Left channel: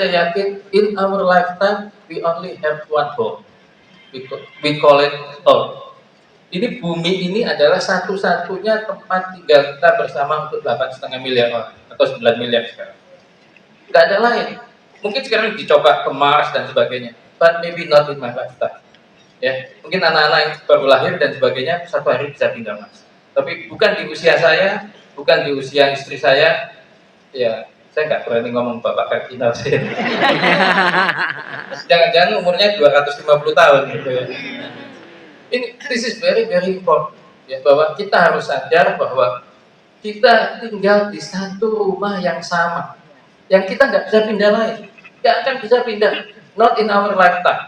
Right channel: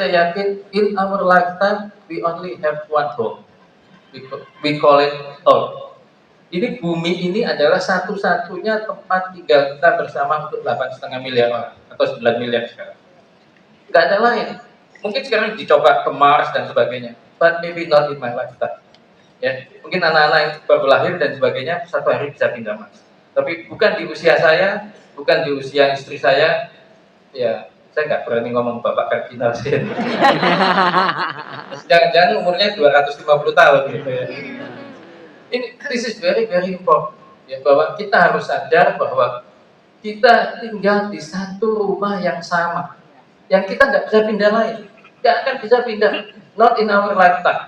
saya yakin in our lifetime we only have one home. We call it home. Ini bumi ini adalah satu-satunya tempat tinggal kita bersama untuk 8,5 miliar orang atau 9 miliar sekarang. Nggak ada lain. Mungkin sekarang dicoba ke Mars dan sebagainya, but maybe not in my lifetime. Ya, mungkin anak-anak yang baru lahir dan sebagainya satu hari bisa pindah Mars. Tapi bukan di usia saya, bukan di usia istri saya. Ya, saya nggak berani ngomong Bapak Kardinal sih. Jangan-jangan umurnya 250 tahun gitu ya. This is very very important ya, bahwa kita harus sadar bahwa kita tinggal di satu rumah yang sama, yang kita nggak bisa pindah lain, nggak akan bisa pindah, not in our lifetime.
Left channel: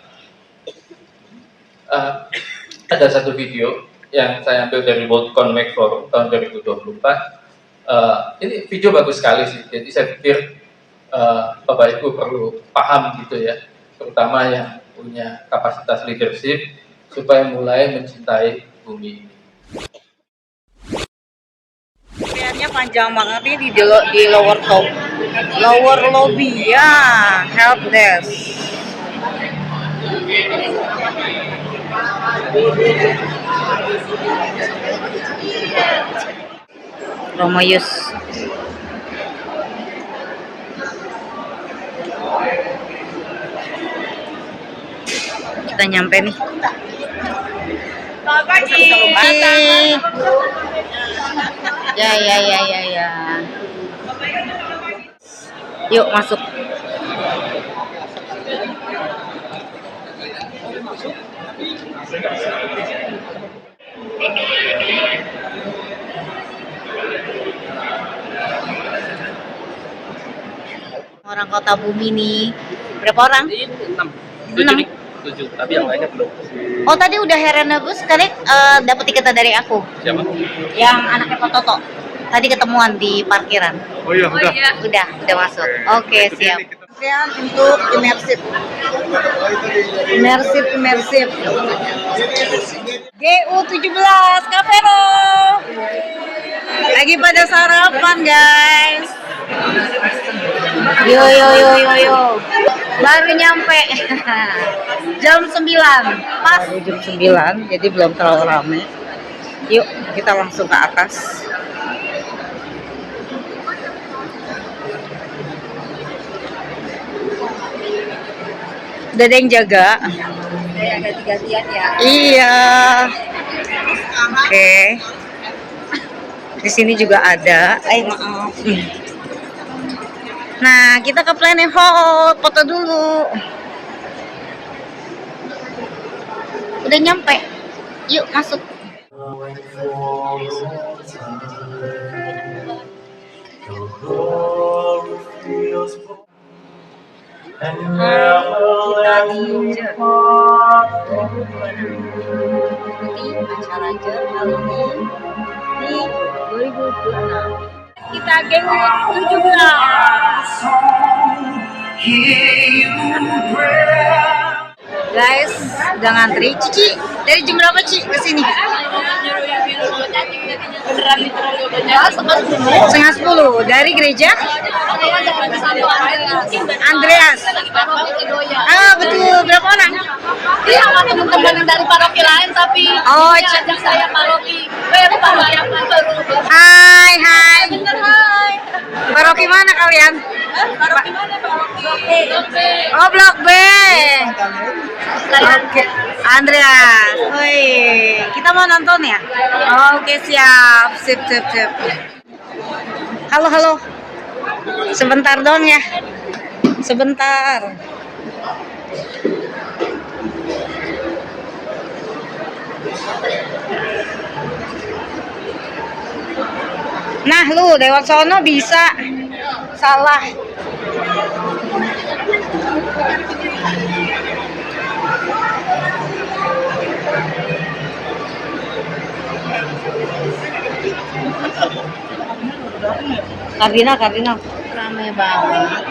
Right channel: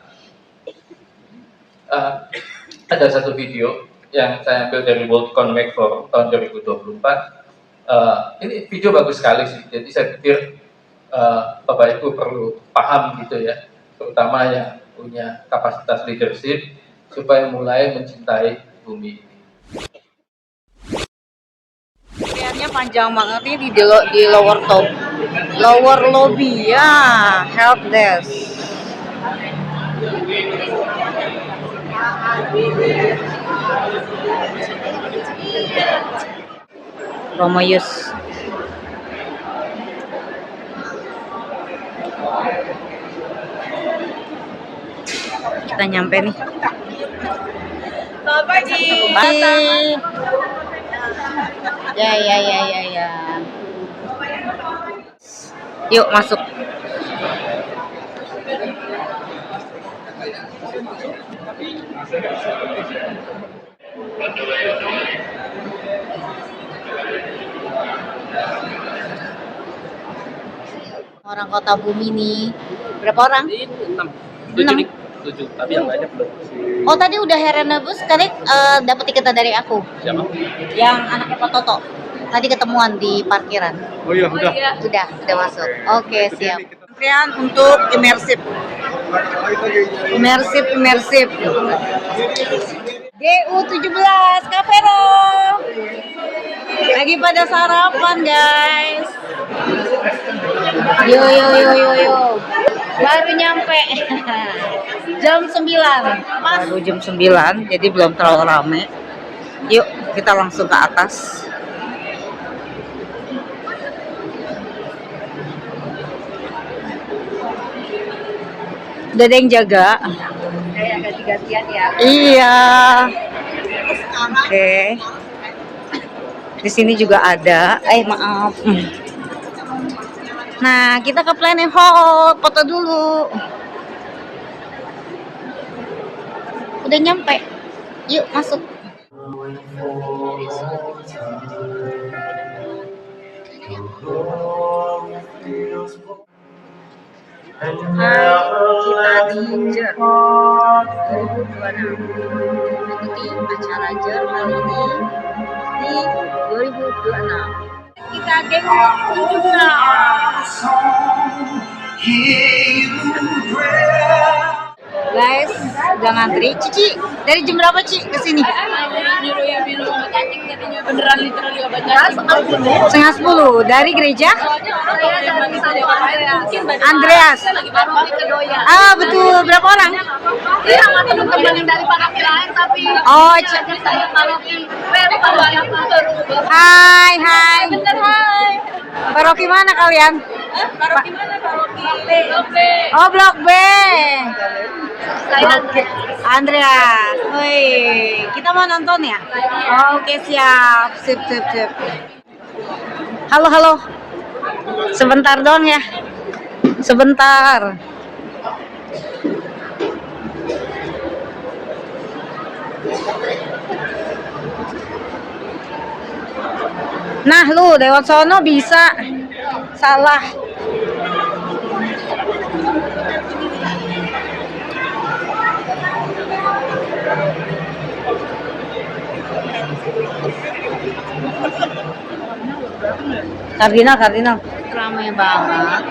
Ada satu video yang saya ambil dari World Economic Forum tahun 2024. Ini video bagus sekali sih, jadi saya pikir Bapak Ibu perlu paham gitu ya, terutama yang punya kapasitas leadership, supaya mulai mencintai bumi ini. Kayaknya panjang banget ini di lower top, lower lobby ya, help desk. Romoyus. Kita nyampe nih. Selamat pagi. Ya. Yuk masuk. Orang Kota Bumi nih. Berapa orang? 7, tapi yang lainnya belum. Oh tadi udah Herenebus, kali dapat tiketnya dari aku. Siapa? Yang anaknya Pak Toto. Tadi ketemuan di parkiran. Oh iya, udah. Udah masuk. Oke, siap. Antrian untuk imersif. GU17 Kavero. Lagi pada sarapan, guys. Yo. Baru nyampe. Jam 9. Pas. Baru jam 9, jadi belum terlalu rame. Yuk, kita langsung ke atas. Udah ada yang jaga. Kayak ganti-gantian ya. Iya. Oke. Di sini juga ada. Maaf. Nah, kita ke Planet Hall, foto dulu. Udah nyampe. Yuk masuk. Kita di JER 2026. Ikuti acara JER kali ini di 2026. Kita GU 17. Guys, udah ngantri. Cici, dari jam berapa Ci kesini? Setengah 10. Dari gereja? Saya dari Santo Andreas. Paroki Kedoya. Betul. Berapa orang? Iya, sama teman-teman yang dari paroki lain, tapi ajak saya paroki. Yang baru. Hai. Bener, hai. Paroki mana kalian? Paroki mana? Paroki Blok B. Oh, Blok B. Oke, Andreas. Woi, kita mau nonton ya? Oke, siap. Sip. Halo. Sebentar dong ya. Sebentar. Nah, lu lewat sono bisa. Salah. Kardinal. Ramai banget.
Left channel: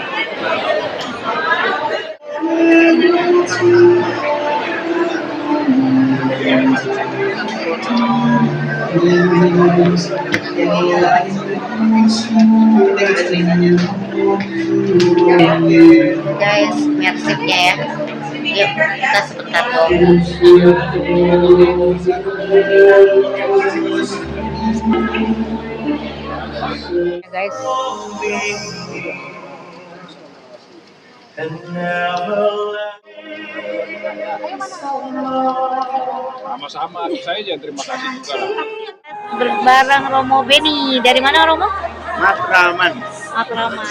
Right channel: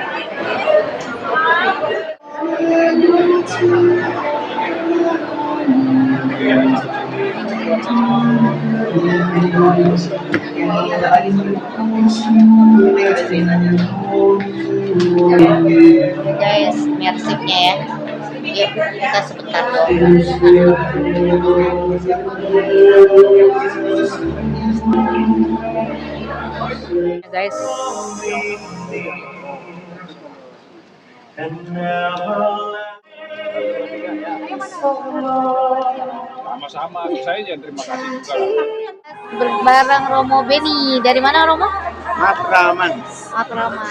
Guys, mersipnya ya. Yuk, kita sebentar dong. Guys. Sama-sama, saya aja terima kasih juga lah. Bareng Romo Beni. Dari mana Romo? Matraman. Matraman.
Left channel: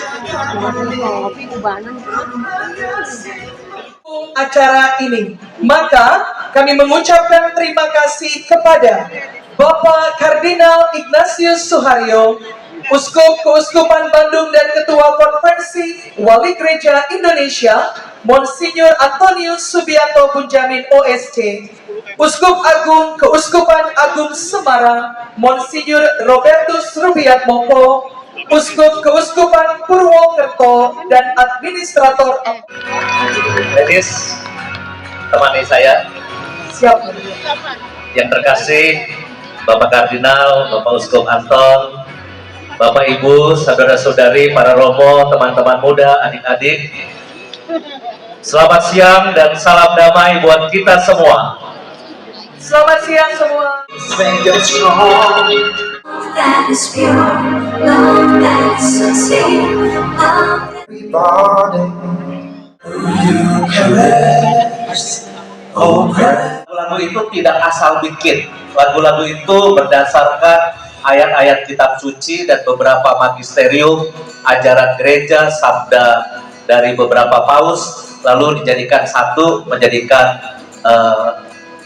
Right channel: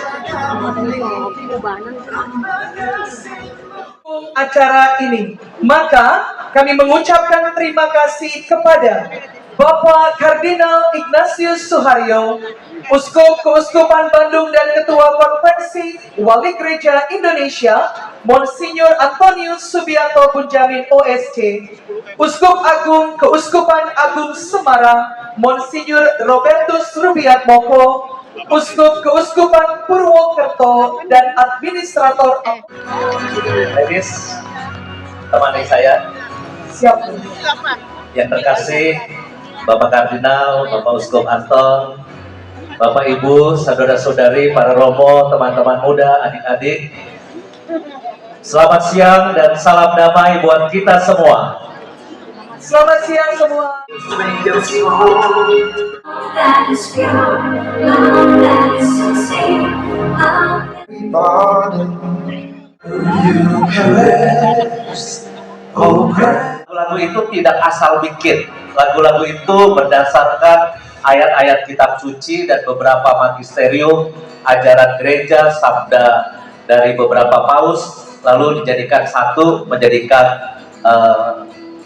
Acara ini, maka kami mengucapkan terima kasih kepada Bapak Kardinal Ignatius Suharyo, Uskup Keuskupan Bandung dan Ketua Konferensi Wali Gereja Indonesia, Monsinyur Antonius Subianto Bunjamin OSC, Uskup Agung Keuskupan Agung Semarang, Monsinyur Robertus Rubiat Moko, Uskup Keuskupan Purwokerto, dan Administrator. Ladies, temani saya. Siap. Yang terkasih, Bapak Kardinal, Bapak Uskup Anton, Bapak Ibu, saudara-saudari, para romo, teman-teman muda, adik-adik. Selamat siang dan salam damai buat kita semua. Selamat siang semua. That is pure, love that is sincere, love Lagu-lagu itu tidak asal bikin. Lagu-lagu itu berdasarkan ayat-ayat kitab suci dan beberapa magisterium, ajaran gereja, sabda dari beberapa paus, lalu dijadikan satu, menjadikan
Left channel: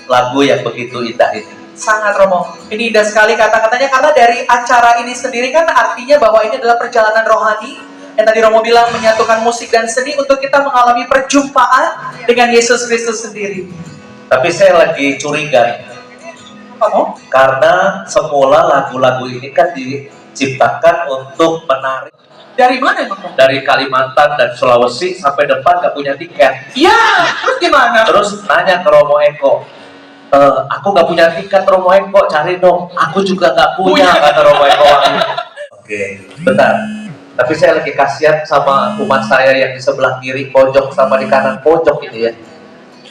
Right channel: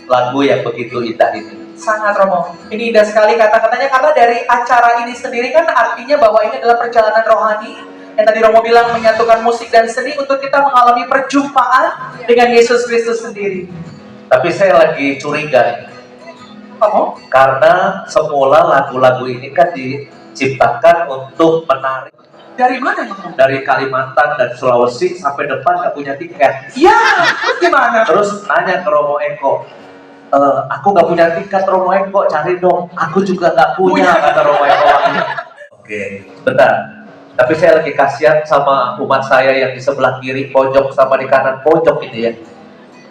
lagu yang begitu indah itu. Sangat Romo, ini indah sekali kata-katanya, karena dari acara ini sendiri kan artinya bahwa ini adalah perjalanan rohani yang tadi Romo bilang menyatukan musik dan seni untuk kita mengalami perjumpaan dengan Yesus Kristus sendiri. Tapi saya lagi curiga, Romo? karena semula lagu-lagu ini kan diciptakan untuk menarik Dari mana Romo? dari Kalimantan dan Sulawesi sampai depan nggak punya tiket. Ya, terus gimana? Terus nanya ke Romo Eko, aku nggak punya tiket Romo Eko, cari dong. Aku juga nggak punya, kata Romo Eko. Oke, bentar. Tapi saya lagi kasihan sama umat saya yang di sebelah kiri pojok sama di kanan pojok ini ya.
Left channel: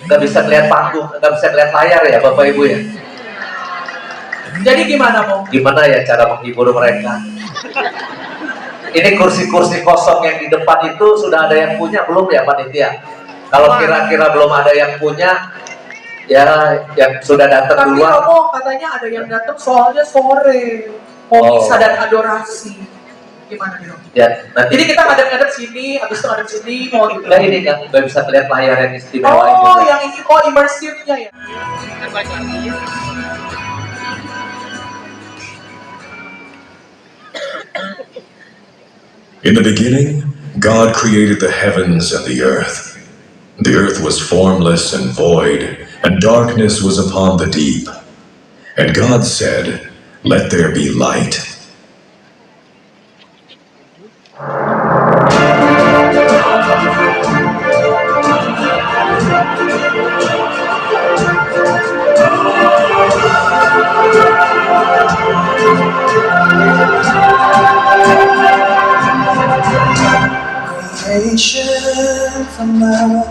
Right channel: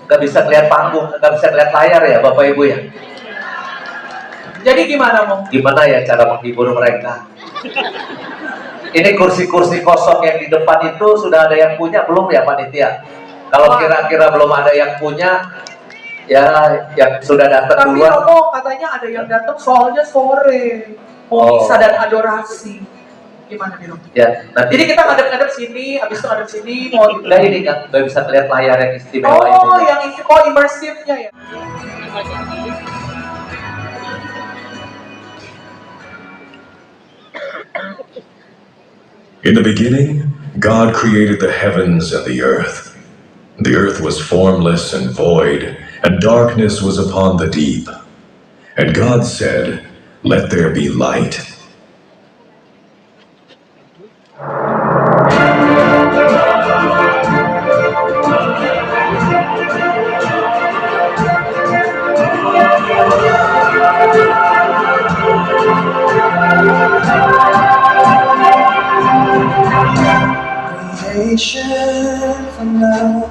Nggak bisa lihat panggung, nggak bisa lihat layar ya Bapak Ibu ya. Jadi gimana Mo? Gimana ya cara menghibur mereka? Ini kursi-kursi kosong yang di depan itu sudah ada yang punya belum ya panitia? Kalau kira-kira belum ada yang punya, ya yang sudah datang Tapi duluan. Romo katanya ada yang datang soalnya sore. Oh. Misa dan adorasi. Gimana nih Romo? Ya, nanti Jadi kita ngadep-ngadep sini, habis itu ngadep sini, mau gitu. nah ini nggak bisa melihat layar yang istimewa Oh, ini. yang ini, oh imersifnya ya. In the beginning, God created the heavens and the earth. The earth was formless and void, and darkness was upon the deep. And God said, "Let there be light." Creation from love,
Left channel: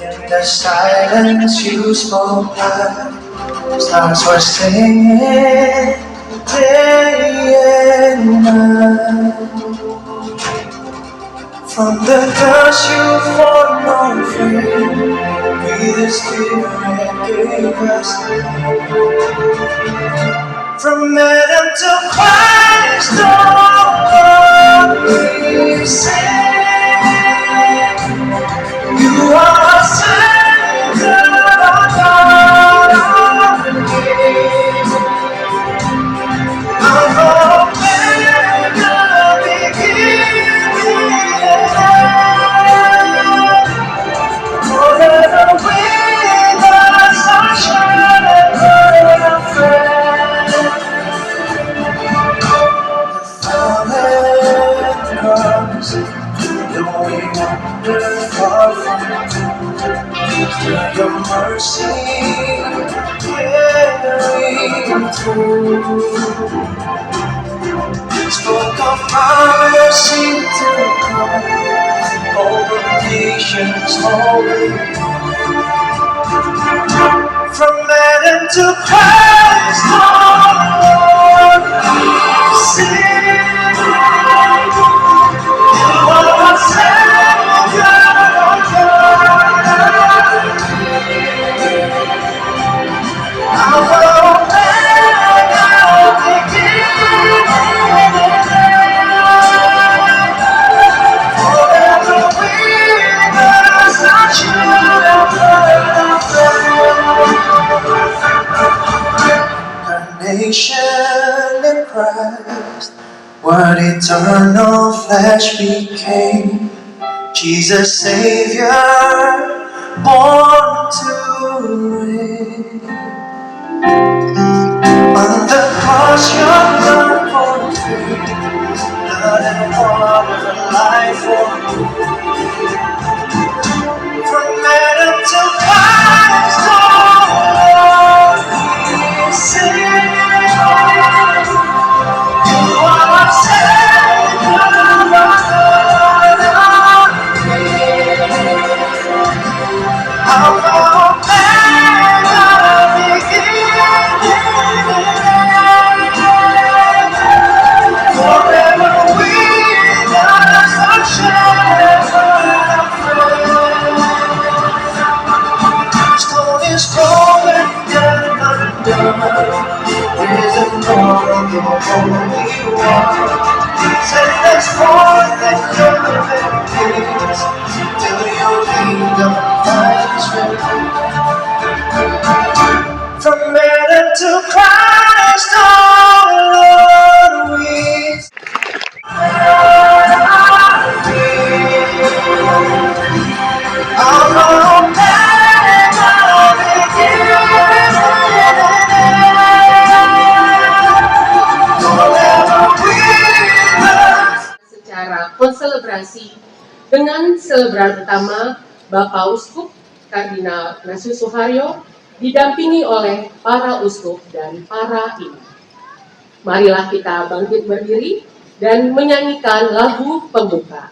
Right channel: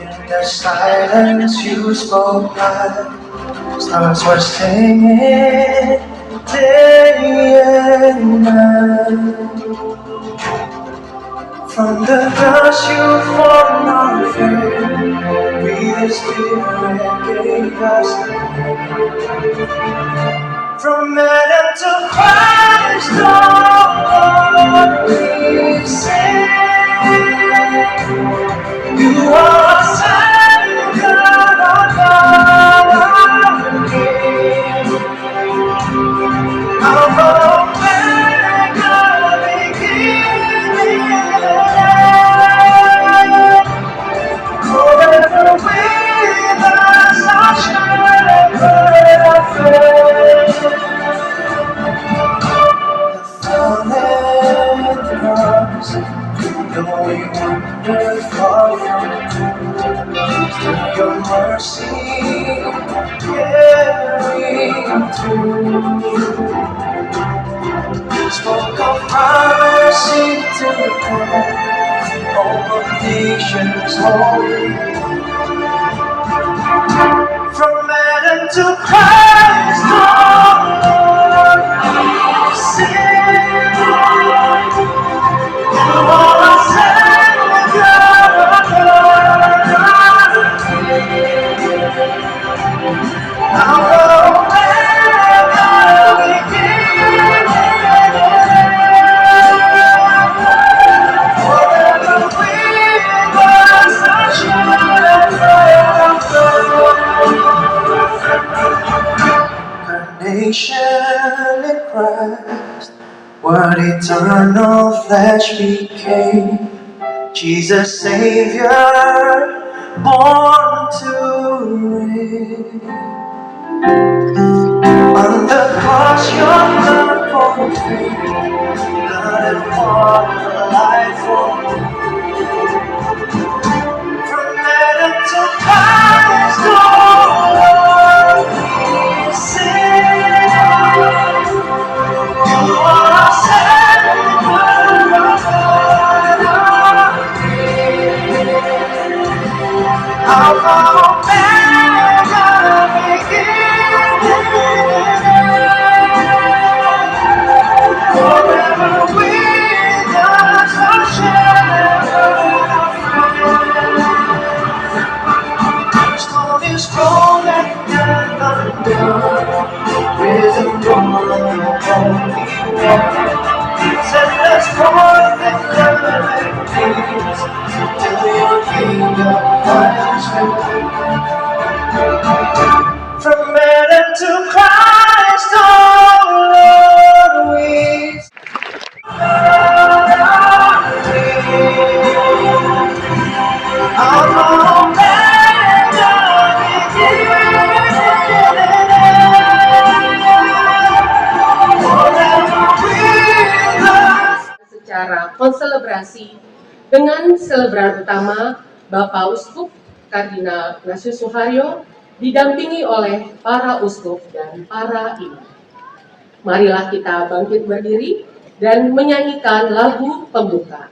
in the silence you spoke life. Stars were singing day and night. From the dust you formed our feet, breathe the Spirit gave us life. From Adam to Christ, all we sing. You are Savior, our God, our King, our Omega, beginning and end. Forever with us, our shepherd and friend. The fallen comes, though we wander far from you, your mercy carry came through. Spoke of mercy to come over nations holy. From Adam to Christ, our Lord, sing. You are our Savior, our God. Alpha, Omega, beginning and end. Forever with us, our children. Nation in Christ, what eternal flesh became. Jesus Savior, born to reign. On the cross, your blood for free, blood and water, life for me. From Adam to Christ, oh Lord, we sing. You are our Savior, our God, our King. Alpha, Omega, beginning and end. Forever with us, our shepherd, our friend. Stone is cold and death undone, risen Lord of the Holy One. Send us forth in perfect peace, till your kingdom finds release. From Adam to Christ, our Lord, we Alpha, Omega, beginning and end. Forever with us. Secara konselebrasi dengan selebrant utama Bapak Uskup Kardinal Ignatius Suharyo didampingi oleh para uskup dan para imam. Marilah kita bangkit berdiri dan menyanyikan lagu pembuka.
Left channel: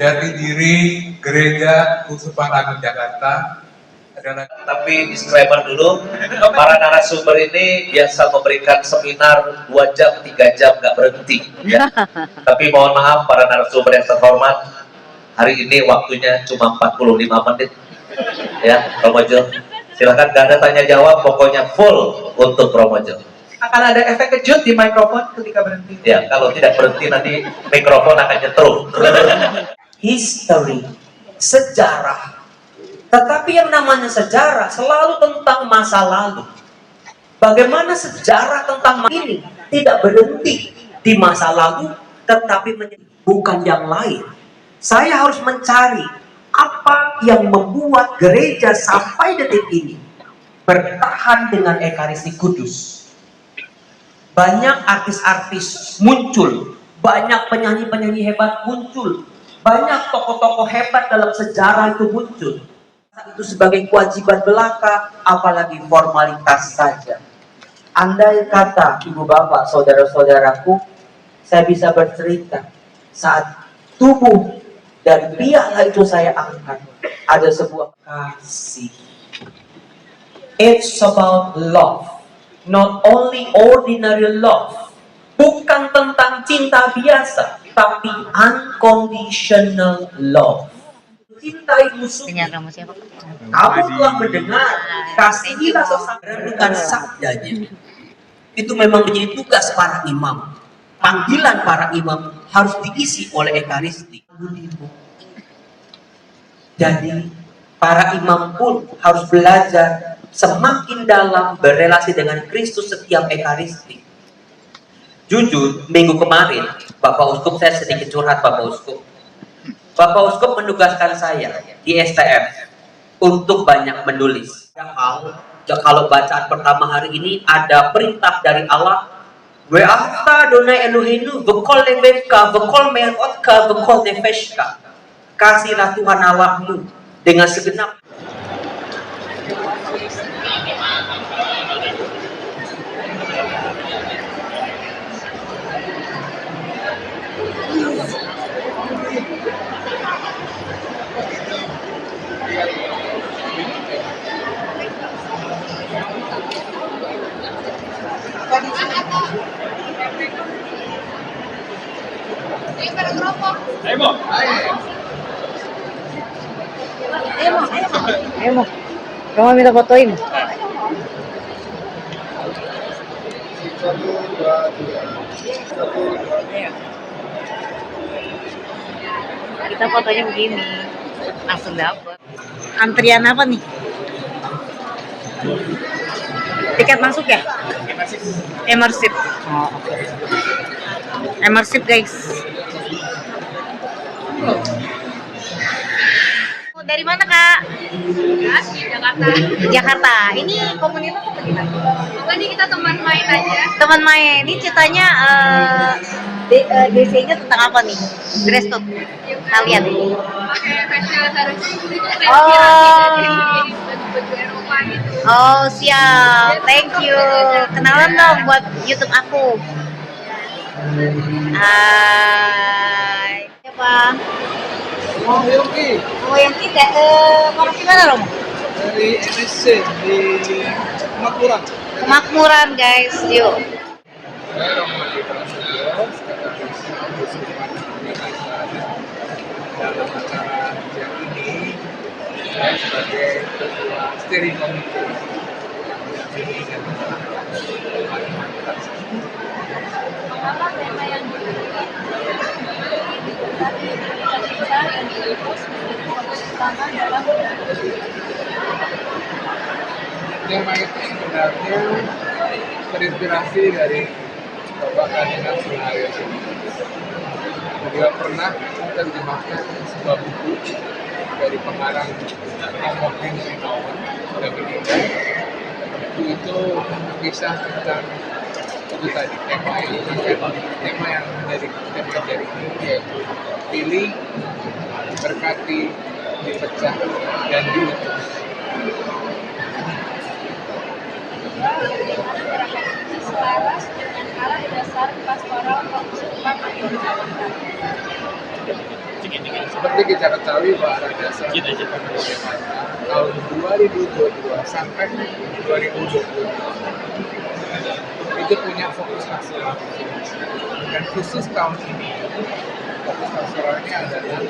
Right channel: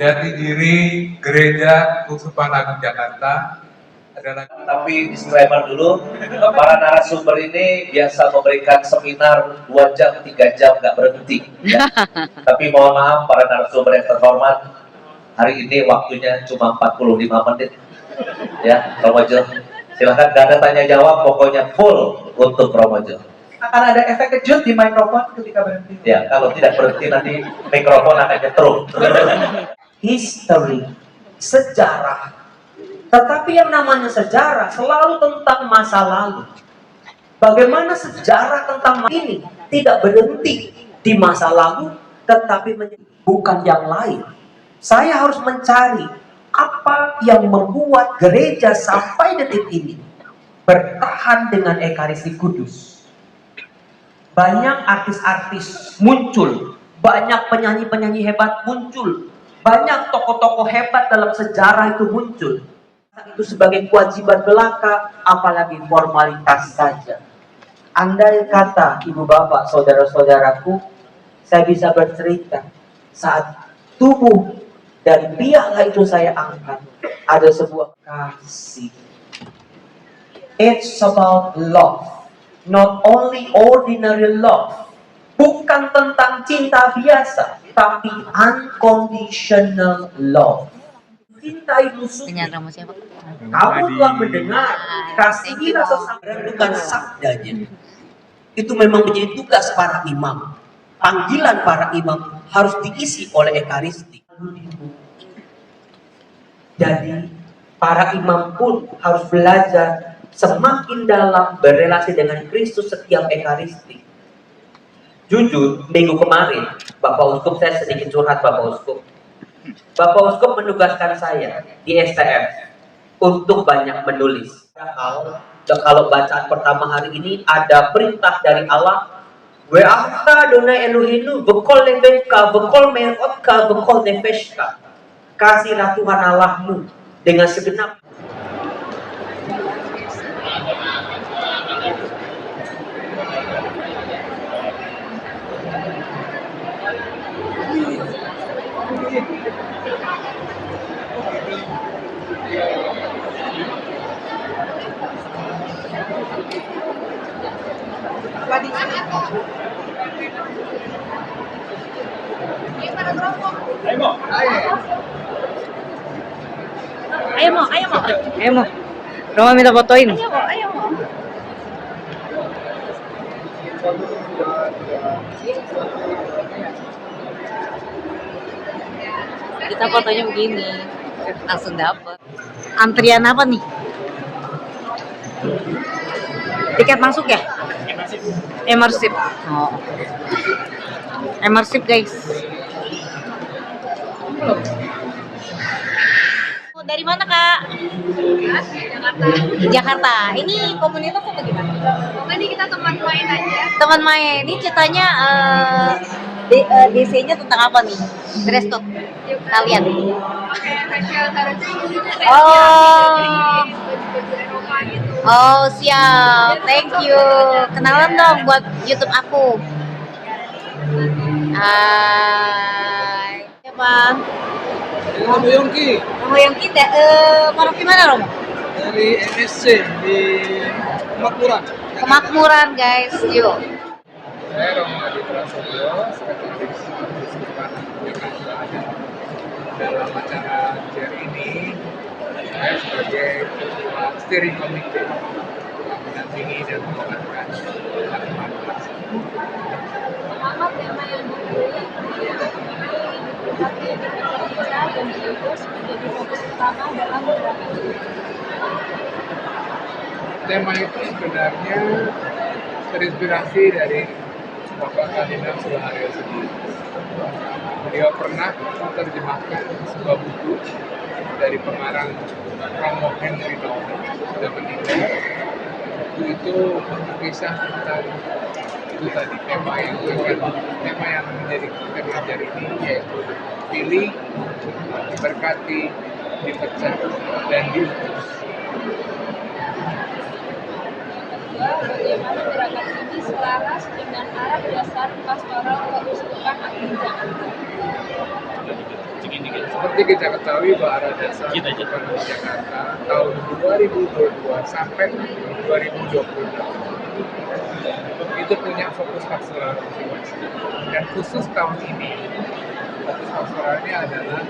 Dari diri Gereja Keuskupan Agung Jakarta Tapi disclaimer dulu, para narasumber ini biasa memberikan seminar 2 jam, 3 jam nggak berhenti. Ya. Tapi mohon maaf para narasumber yang terhormat, hari ini waktunya cuma 45 menit. Ya, Romojo. Silakan, gak ada tanya jawab, pokoknya full untuk Romojo. Akan ada efek kejut di mikrofon ketika berhenti. Ya, kalau tidak berhenti nanti mikrofon akan nyetrum. History, sejarah. Tetapi yang namanya sejarah selalu tentang masa lalu. Bagaimana sejarah tentang ini tidak berhenti di masa lalu, tetapi bukan yang lain. Saya harus mencari apa yang membuat gereja sampai detik ini bertahan dengan Ekaristi Kudus. Banyak artis-artis muncul, banyak penyanyi-penyanyi hebat muncul, banyak tokoh-tokoh hebat dalam sejarah itu muncul. Itu sebagai kewajiban belaka, apalagi formalitas saja. Andai kata ibu bapak, saudara-saudaraku, saya bisa bercerita saat tubuh dan piala itu saya angkat, ada sebuah kasih. It's about love, not only ordinary love. Bukan tentang cinta biasa, tapi unconditional love. Cintai musuh. Dengan Romo siapa? Kamu telah mendengar, kasihilah sesama. Renungkan sabdanya. Itu memang menjadi tugas para imam. Panggilan para imam harus diisi oleh Ekaristi. Jadi para imam pun harus belajar semakin dalam berelasi dengan Kristus setiap Ekaristi. Jujur, minggu kemarin Bapak Uskup, saya sedikit curhat Bapak Uskup. Bapak Uskup menugaskan saya di STF untuk banyak menulis. Kalau bacaan pertama hari ini ada perintah dari Allah, We'afka Adonai Elohenu v'kol levevka v'kol me'otka v'kol nefeshka. Kasihlah Tuhan Allahmu dengan segenap. Ayo Mo. Romo minta fotoin. Kita fotonya begini. Langsung dapet. Antrian apa nih? Tiket masuk ya? Emersip. Oh, oke. Emersip guys. Dari mana Kak? Jakarta. Jakarta. Ini komunitas atau gimana? Ini kita teman main aja. Teman main. Ini ceritanya DC-nya tentang apa nih? Dress code kalian? Pakai facial harus itu Oh. baju Eropa gitu. Oh siap. Thank you. Kenalan dong buat YouTube aku. Hai. Siapa? Romo Yongki Romo Yongki, paroki mana Romo? dari MSC di Kemakmuran. Kemakmuran guys, yuk. Saya Romo Adi Prasetyo, Sekretaris Keuskupan Jakarta, dan dalam acara jam ini saya sebagai Ketua Steering Committee yang mendampingi dan mengarahkan umat-umat tersebut. Tema yang dipilih dan terus menjadi fokus utama dalam Tema itu sebenarnya terinspirasi dari Bapak Kardinal Suharyo sendiri. Beliau pernah menerjemahkan sebuah buku dari pengarang Romo Henry Nouwen, sudah meninggal. Buku itu kisah tentang itu tadi tema yang menjadi tema ajar ini, yaitu pilih, diberkati, dipecah, dan diutus. selaras dengan arah dasar pastoral keuskupan Agung Jakarta. Seperti kita ketahui bahwa arah dasar pembangunan Jakarta tahun 2022 sampai 2026 itu punya fokus pastoral masing-masing. Dan khusus tahun ini, fokus pastoralnya adalah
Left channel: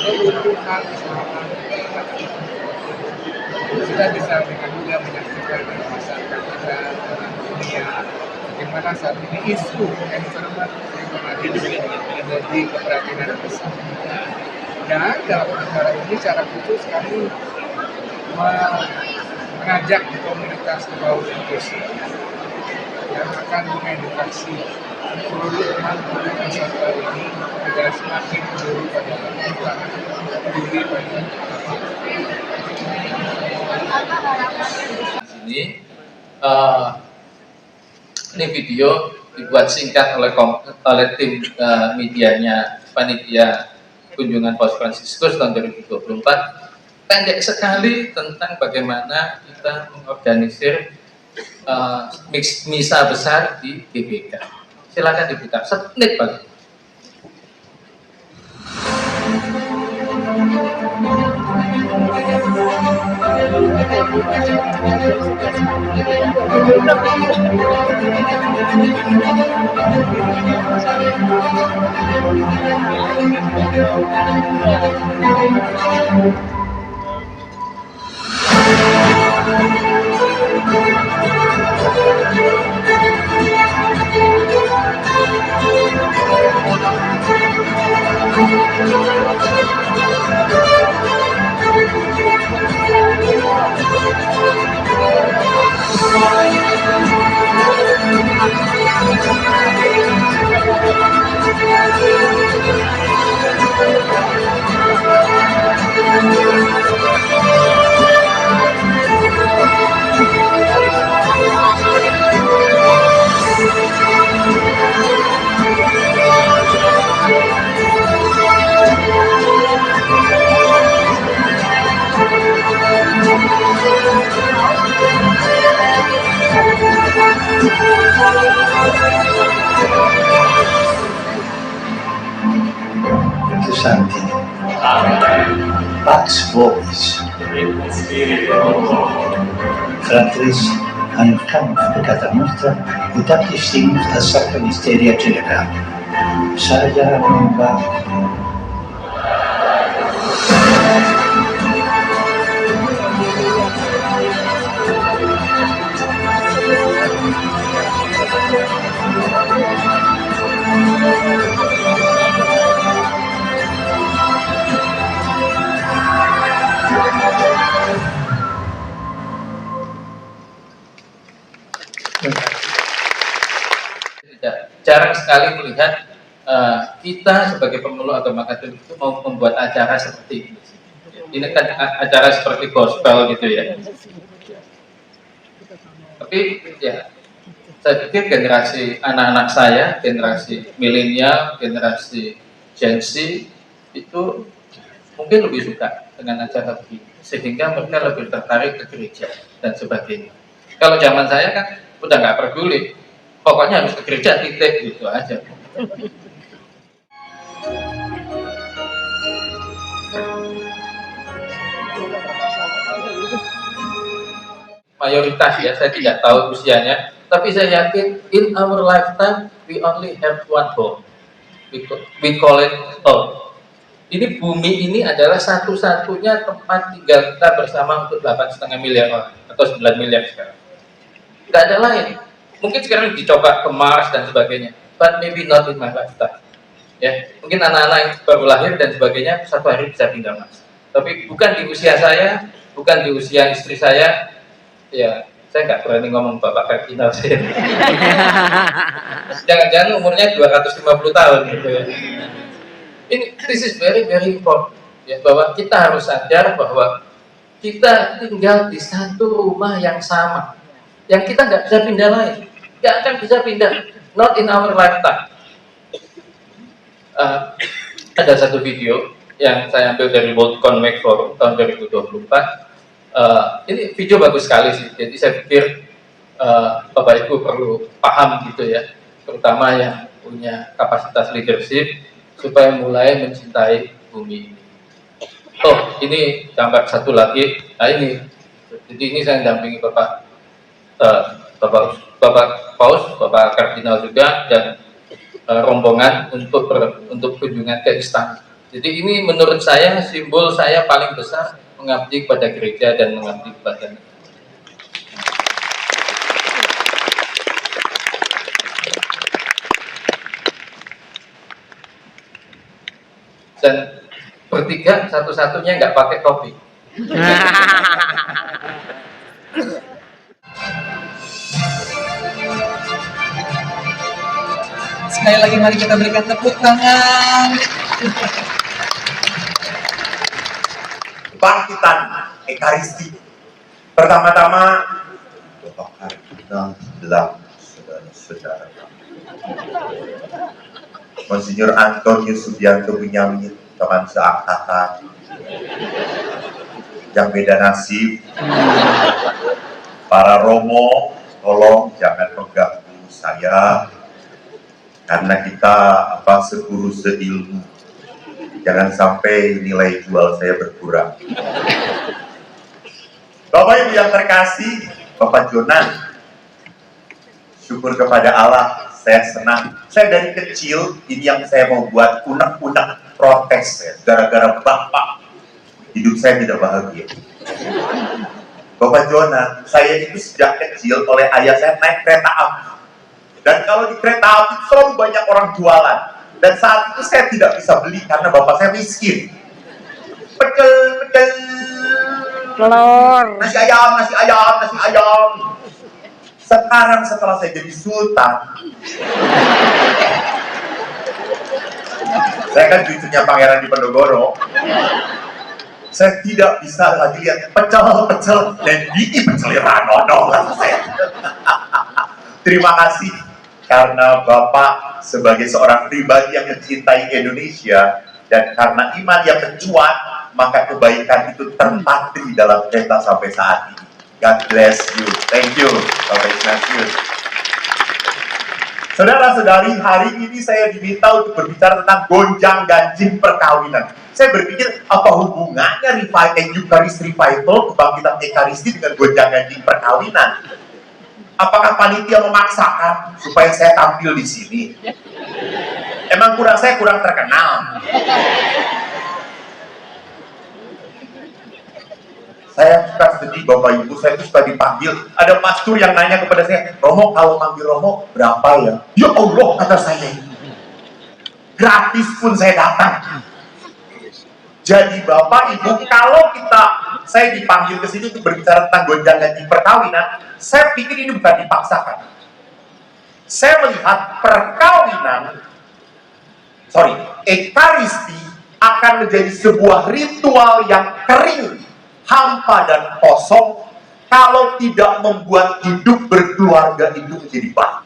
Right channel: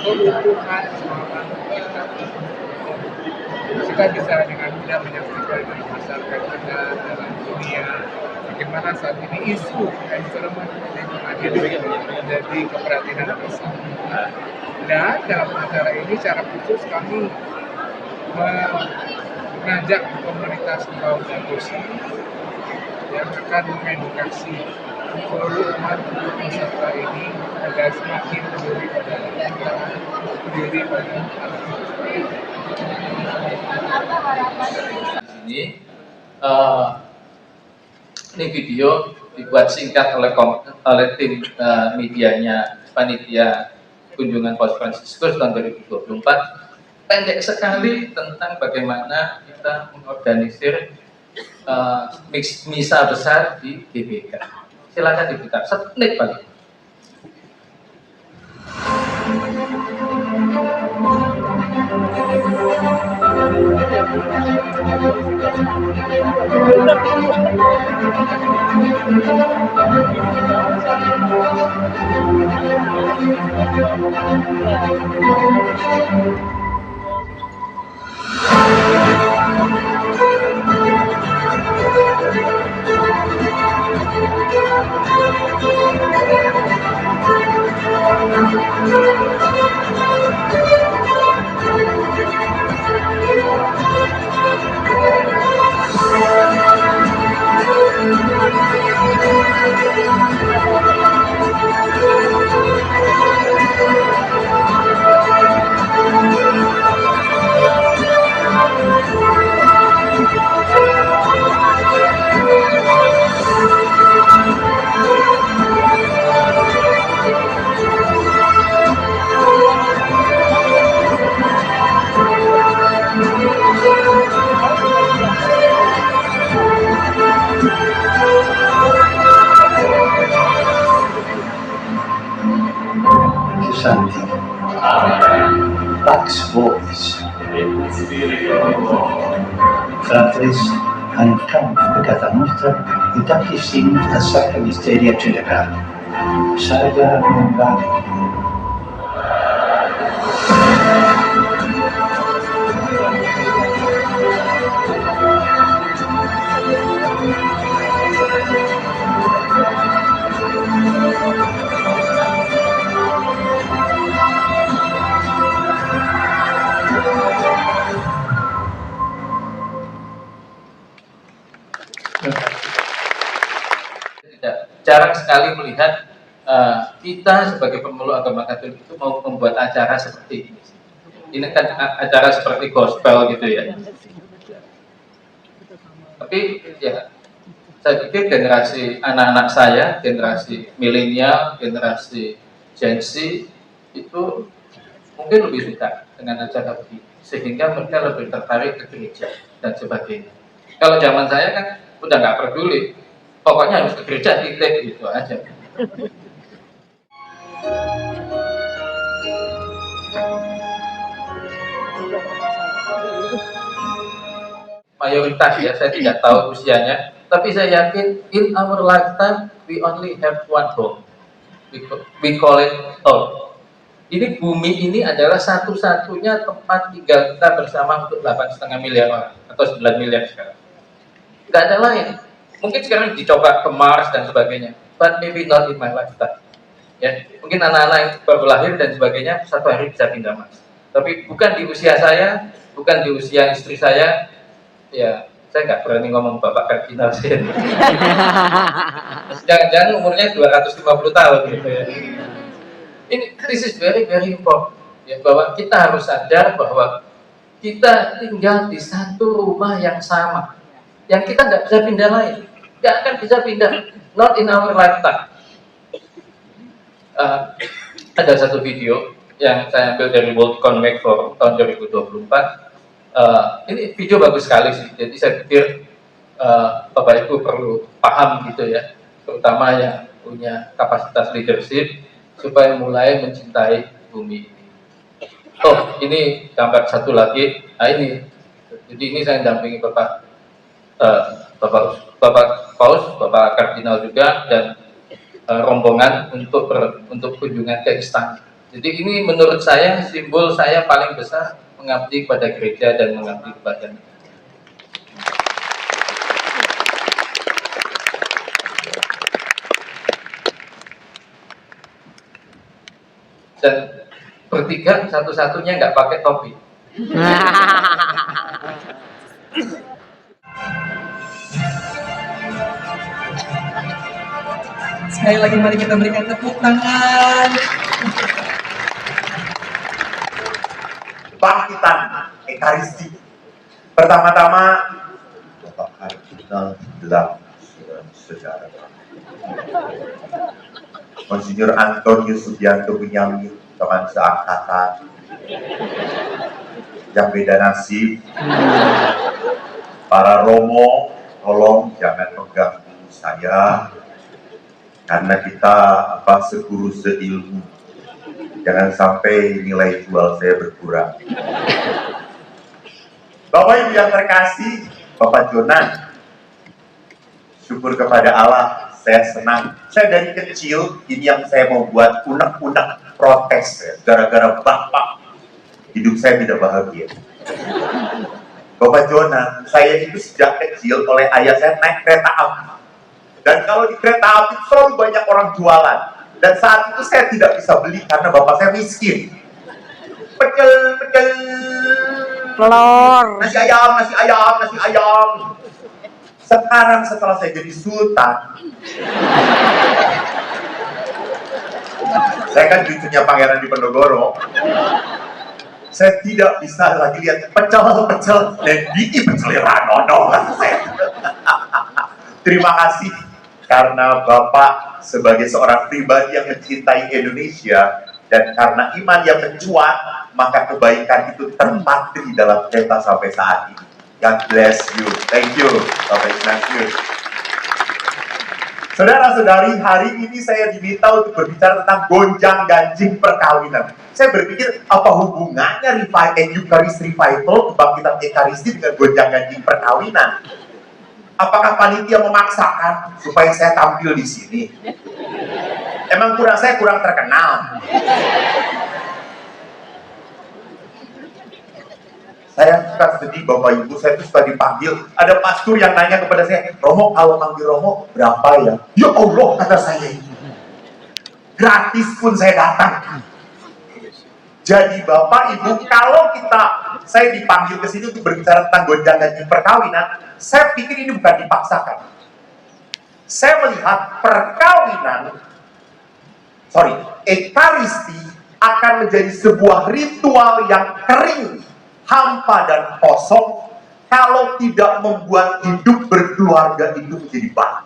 keutuhan alam ciptaan. Kita bisa dengan mudah menyaksikan dalam masyarakat kita, dalam dunia, bagaimana saat ini isu environment lingkungan hidup menjadi keprihatinan bersama. Dan dalam acara ini secara khusus kami mengajak komunitas Bau dan Dosa yang akan mengedukasi seluruh umat peserta ini agar semakin peduli pada alam ciptaan, peduli pada alam ini video dibuat singkat oleh tim medianya panitia kunjungan Paus Fransiskus tahun 2024, pendek sekali tentang bagaimana kita mengorganisir misa besar di GBK. Silakan diputar, semenit paling. Santi, Pax Vobis, Fratres, ancan peccata nostra, ut ac significa sacra mysteria celebrata. Saya membah jarang sekali melihat kita sebagai pemeluk agama Katolik itu mau membuat acara seperti ini. Ini kan acara seperti gospel gitu ya. Tapi ya, saya pikir generasi anak-anak saya, generasi milenial, generasi Gen Z itu mungkin lebih suka dengan acara begini, sehingga mereka lebih tertarik ke gereja dan sebagainya. Kalau zaman saya kan udah nggak peduli, pokoknya harus ke gereja, titik, gitu aja. Mayoritas ya, saya tidak tahu usianya, tapi saya yakin in our lifetime we only have one home. We call it home. Ini bumi ini adalah satu-satunya tempat tinggal kita bersama untuk 8,5 miliar orang atau 9 miliar sekarang. Tidak ada lain. Mungkin sekarang dicoba ke Mars dan sebagainya, but maybe not in my lifetime. Ya, mungkin anak-anak yang baru lahir dan sebagainya satu hari bisa pindah Mars. Tapi bukan di usia saya, bukan di usia istri saya. Ya, saya nggak berani ngomong Bapak Kardinal sih. Jangan-jangan umurnya 250 tahun gitu ya. This is very very important. Ya, bahwa kita harus sadar bahwa kita tinggal di satu rumah yang sama, yang kita nggak bisa pindah lain, nggak akan bisa pindah, not in our lifetime. Ada satu video yang saya ambil dari World Economic Forum tahun 2024. Ini video bagus sekali sih, jadi saya pikir Bapak Ibu perlu paham gitu ya, terutama yang punya kapasitas leadership supaya mulai mencintai bumi ini. Oh, ini gambar satu lagi. Nah ini, jadi ini saya dampingi Bapak Paus, Bapak Kardinal juga, dan rombongan untuk kunjungan ke istana. Jadi ini menurut saya simbol saya paling besar mengabdi kepada gereja dan mengabdi kepada negara. Dan bertiga satu-satunya nggak pakai topi. Sekali lagi mari kita berikan tepuk tangan. Kebangkitan Ekaristi. Pertama-tama, Bapak Kardinal Belang, saudara-saudara. Monsinyur Antonius Subianto Bunyamin, teman seangkatan, yang beda nasib. Para romo, tolong jangan mengganggu saya, karena kita seguru seilmu. Jangan sampai nilai jual saya berkurang. Bapak Ibu yang terkasih, Bapak Jonan, syukur kepada Allah, saya senang. Saya dari kecil, ini yang saya mau buat unek-unek protes ya. Gara-gara Bapak, hidup saya tidak bahagia. Bapak Jonan, saya itu sejak kecil oleh ayah saya naik kereta api. Dan kalau di kereta api selalu banyak orang jualan. Dan saat itu saya tidak bisa beli karena bapak saya miskin. Pecel, Telur. nasi ayam. Sekarang setelah saya jadi sultan, saya kan cucunya Pangeran Diponegoro, saya tidak bisa lagi lihat pecel dan gigi pecel ranono saya. Terima kasih karena Bapak sebagai seorang pribadi yang mencintai Indonesia dan karena iman yang mencuat, maka kebaikan itu terpatri dalam kereta sampai saat ini. God bless you. Thank you, Bapak Ignatius. Saudara-saudari, hari ini saya diminta untuk berbicara tentang gonjang ganjing perkawinan. Saya berpikir, apa hubungannya Eucharist Revival, kebangkitan Ekaristi dengan gonjang ganjing perkawinan? Apakah panitia memaksakan supaya saya tampil di sini? Emang saya kurang terkenal. Saya suka sedih Bapak Ibu, saya itu suka dipanggil. Ada pastor yang nanya kepada saya, Romo kalau manggil Romo berapa ya? Ya Allah, kata saya. Gratis pun saya datang. Jadi Bapak Ibu, kalau saya dipanggil ke sini untuk berbicara tentang gonjang ganjing perkawinan, saya pikir ini bukan dipaksakan. Saya melihat Ekaristi akan menjadi sebuah ritual yang kering, hampa dan kosong kalau tidak membuat hidup berkeluarga itu menjadi baik.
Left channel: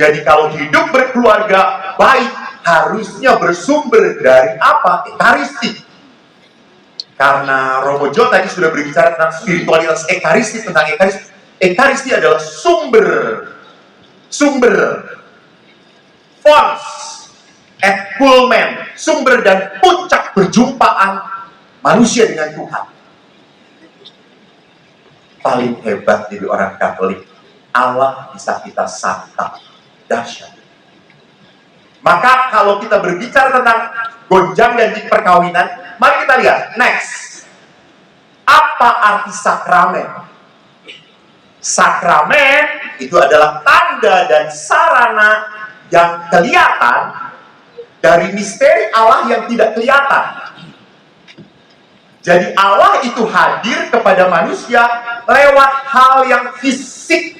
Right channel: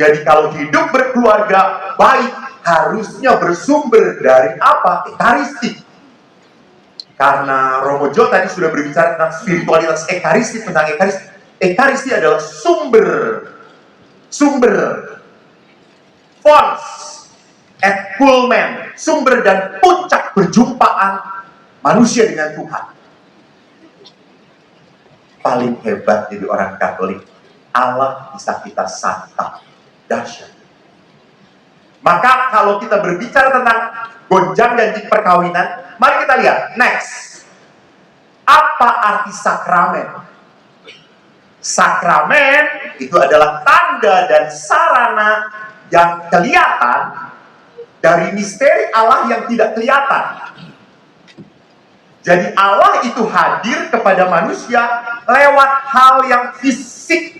Jadi kalau hidup berkeluarga baik harusnya bersumber dari apa? Ekaristi. Karena Romo Jo tadi sudah berbicara tentang spiritualitas Ekaristi, tentang Ekaristi. Ekaristi adalah sumber fons et culmen, sumber dan puncak perjumpaan manusia dengan Tuhan. Paling hebat jadi orang Katolik, Allah bisa kita santap. Dahsyat. Maka kalau kita berbicara tentang gonjang ganjing perkawinan, mari kita lihat next. Apa arti sakramen? Sakramen itu adalah tanda dan sarana yang kelihatan dari misteri Allah yang tidak kelihatan. Jadi Allah itu hadir kepada manusia lewat hal yang fisik.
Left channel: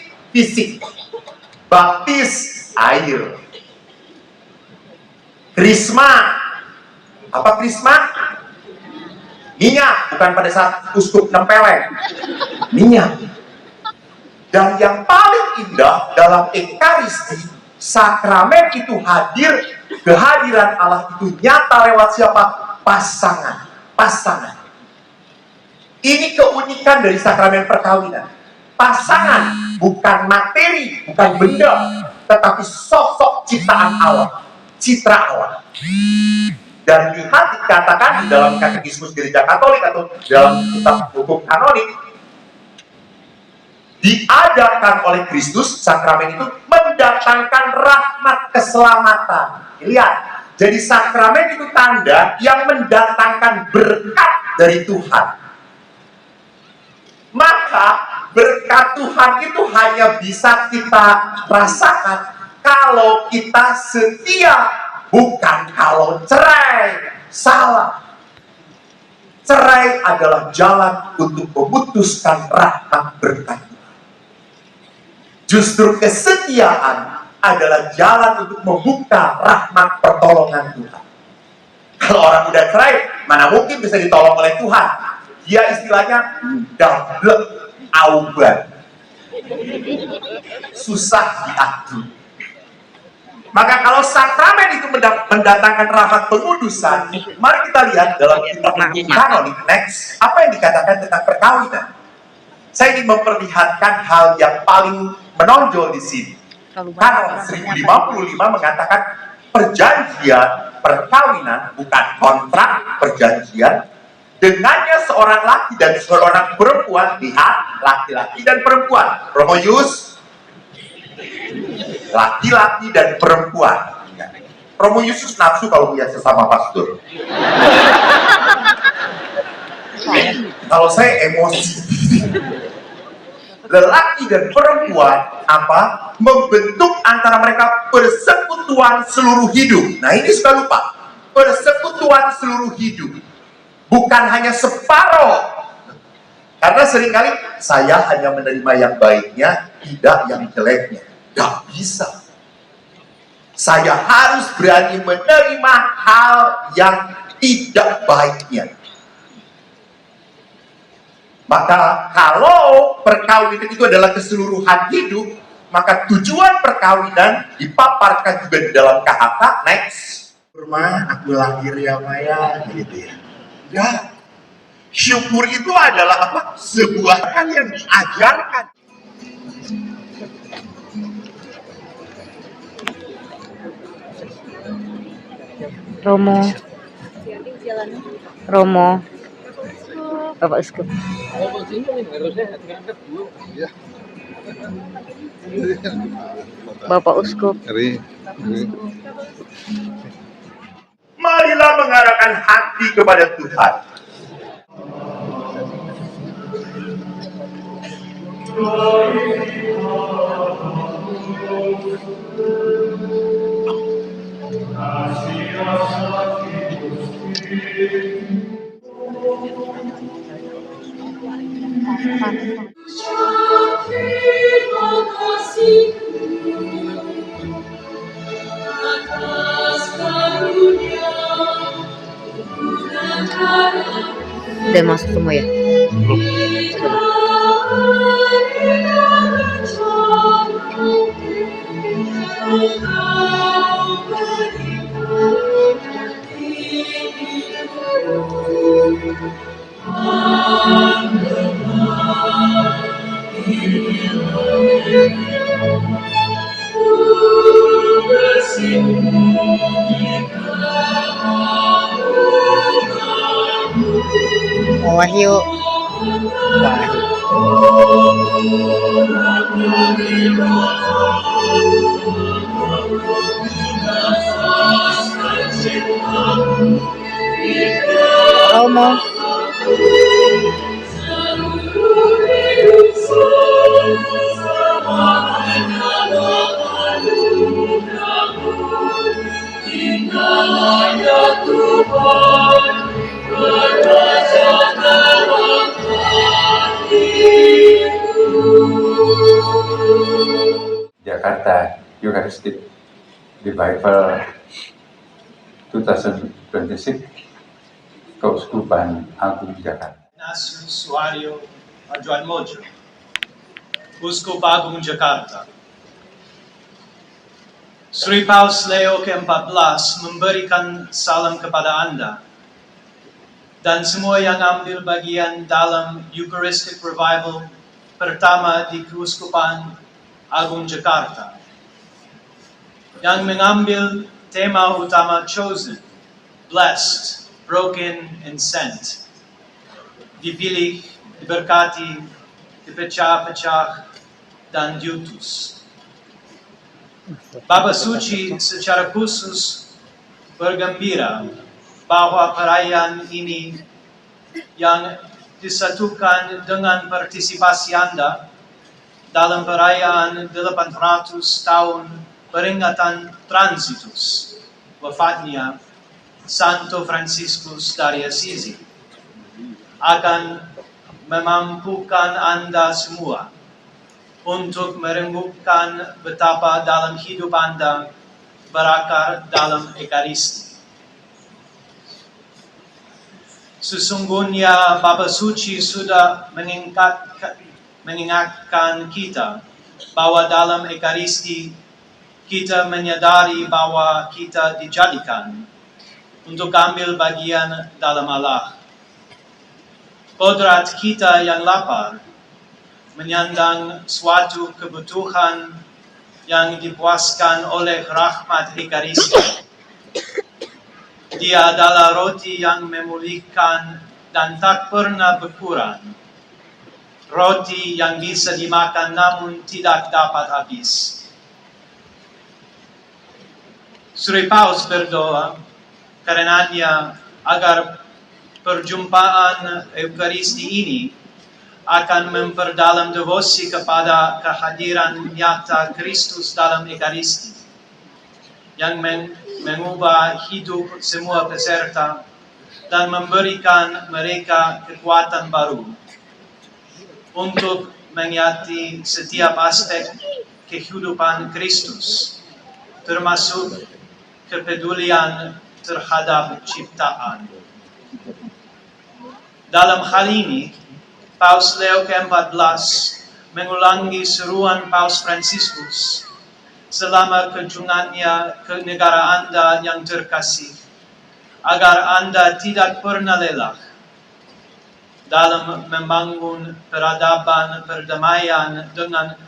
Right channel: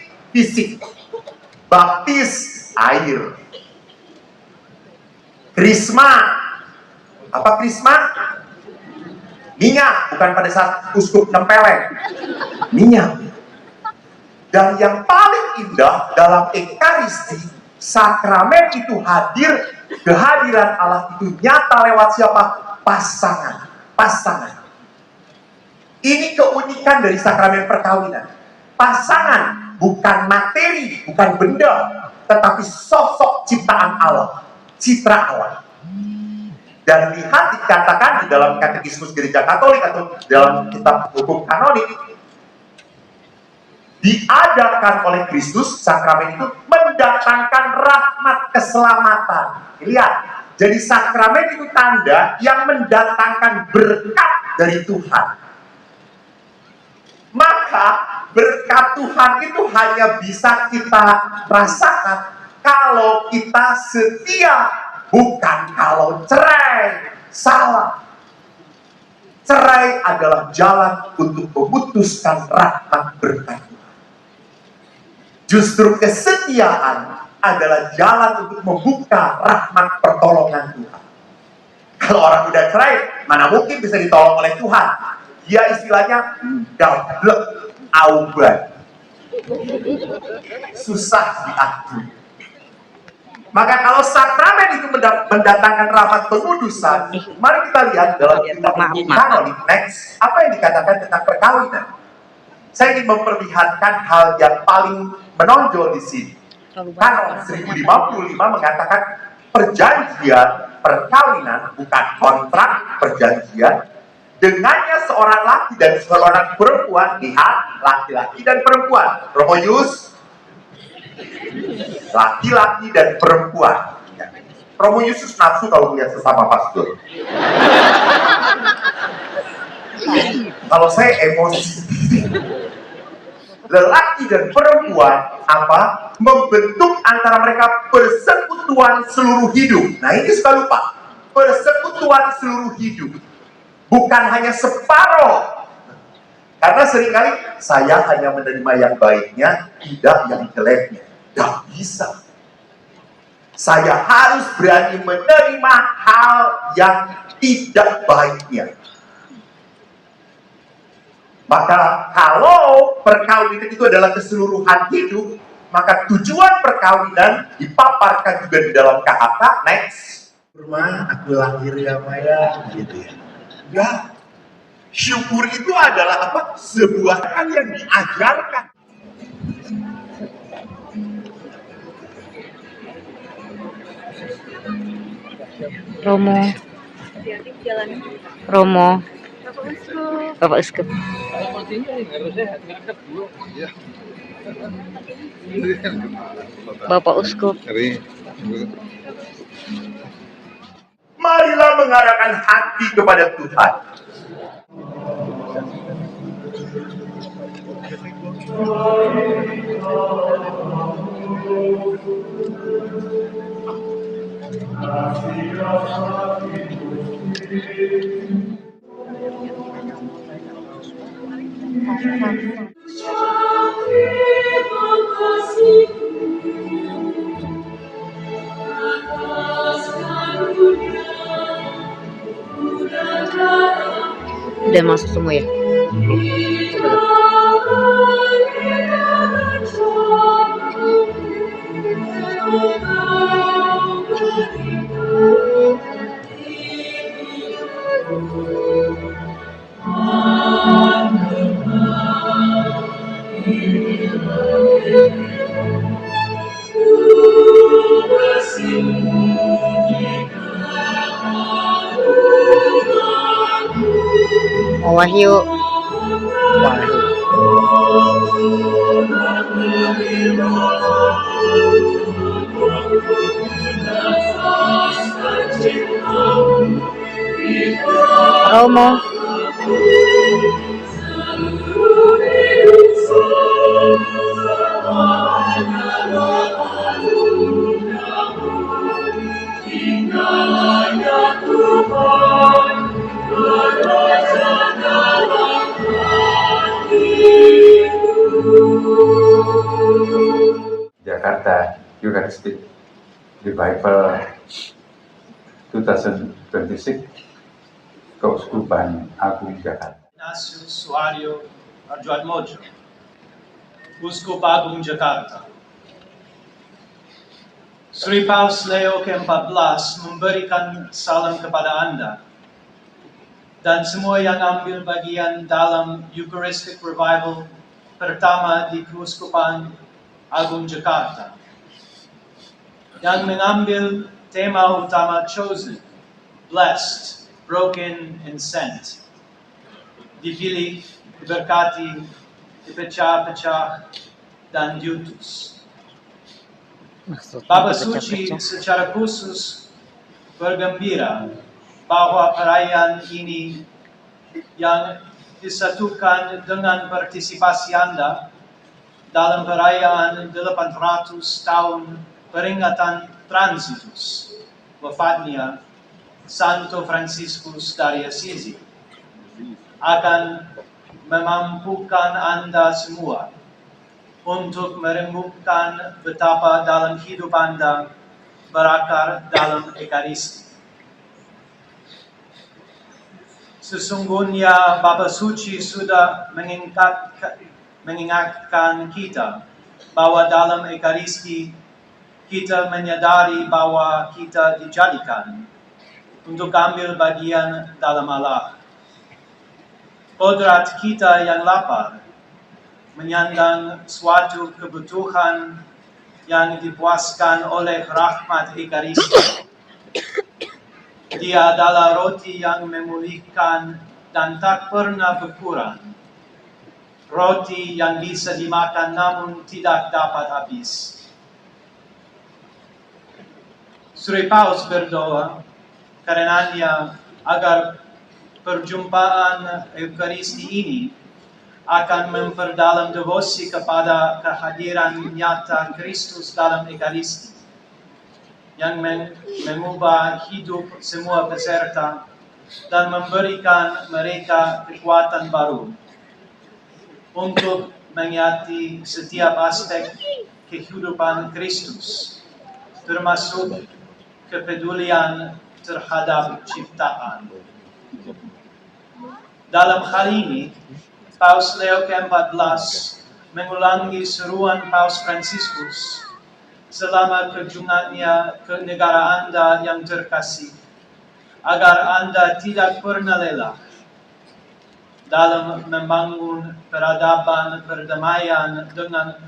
Baptis air. Krisma. Apa krisma? Minyak, bukan pada saat uskup nempeleng. Minyak. Dan yang paling indah dalam Ekaristi, sakramen itu hadir, kehadiran Allah itu nyata lewat siapa? Pasangan. Ini keunikan dari sakramen perkawinan. Pasangan bukan materi, bukan benda, tetapi sosok ciptaan Allah, citra Allah. Dan lihat dikatakan di dalam Katekismus Gereja Katolik atau dalam kitab hukum kanonik, diajarkan oleh Kristus, sakramen itu mendatangkan rahmat keselamatan. Lihat, jadi sakramen itu tanda yang mendatangkan berkat dari Tuhan. Maka berkat Tuhan itu hanya bisa kita rasakan kalau kita setia, bukan kalau cerai. Salah. Cerai adalah jalan untuk memutuskan rahmat berkat Tuhan. Justru kesetiaan adalah jalan untuk membuka rahmat pertolongan Tuhan. Kalau orang udah cerai, mana mungkin bisa ditolong oleh Tuhan? Dia istilahnya gablek auban, susah diatur. Maka kalau sakramen itu mendatangkan rahmat pengudusan, mari kita lihat dalam kitab hukum kanonik. Next, apa yang dikatakan tentang perkawinan? Saya ingin memperlihatkan hal yang paling menonjol di sini. Kanon 1055 mengatakan perjanjian perkawinan bukan kontrak perjanjian. Dengannya seorang laki dan seorang perempuan, lihat, laki-laki dan perempuan. Romoyus, laki-laki dan perempuan. Romo Yusus nafsu kalau melihat sesama pastor. Kalau saya emosi. Lelaki dan perempuan apa? Membentuk antara mereka persekutuan seluruh hidup. Nah ini suka lupa. Persekutuan seluruh hidup. Bukan hanya separuh. Karena seringkali saya hanya menerima yang baiknya, tidak yang jeleknya. Gak bisa. Saya harus berani menerima hal yang tidak baiknya. Maka kalau perkawinan itu adalah keseluruhan hidup, maka tujuan perkawinan dipaparkan juga di dalam KHK. Next. Rumah aku lahir ya Maya, gitu ya. Ya, syukur itu adalah apa? Sebuah hal yang diajarkan. Romo, Bapak Uskup. Bapak Uskup. Marilah mengarahkan hati kepada Tuhan. Udah masuk semua ya? Wahyu. Romo. Jakarta Eucharistic Revival 2026 Keuskupan Agung Jakarta. Ignatius Suharyo Adjoatmojo, Uskup Agung Jakarta. Sri Paus Leo ke-14 memberikan salam kepada Anda dan semua yang ambil bagian dalam Eucharistic Revival pertama di Keuskupan Agung Jakarta, yang mengambil tema utama Chosen, blessed, broken, and sent. Dipilih, diberkati, dipecah-pecah, dan diutus. Bapa Suci secara khusus bergembira bahwa perayaan ini yang disatukan dengan partisipasi Anda dalam perayaan 800 tahun peringatan transitus wafatnya Santo Franciscus dari Assisi akan memampukan Anda semua untuk merenungkan betapa dalam hidup Anda berakar dalam Ekaristi. Sesungguhnya Bapa Suci sudah mengingatkan kita bahwa dalam Ekaristi kita menyadari bahwa kita dijadikan untuk ambil bagian dalam Allah. Kodrat kita yang lapar menyandang suatu kebutuhan yang dipuaskan oleh rahmat Ekaristi. Dia adalah roti yang memulihkan dan tak pernah berkurang. Roti yang bisa dimakan namun tidak dapat habis. Suri Paus berdoa karenanya agar perjumpaan Eukaristi ini akan memperdalam devosi kepada kehadiran nyata Kristus dalam Ekaristi yang mengubah hidup semua peserta dan memberikan mereka kekuatan baru untuk mengingati setiap aspek kehidupan Kristus, termasuk kepedulian terhadap ciptaan. Dalam hal ini, Paus Leo ke-14 mengulangi seruan Paus Franciscus selama kunjungannya ke negara Anda yang terkasih, agar Anda tidak pernah lelah dalam membangun peradaban perdamaian dengan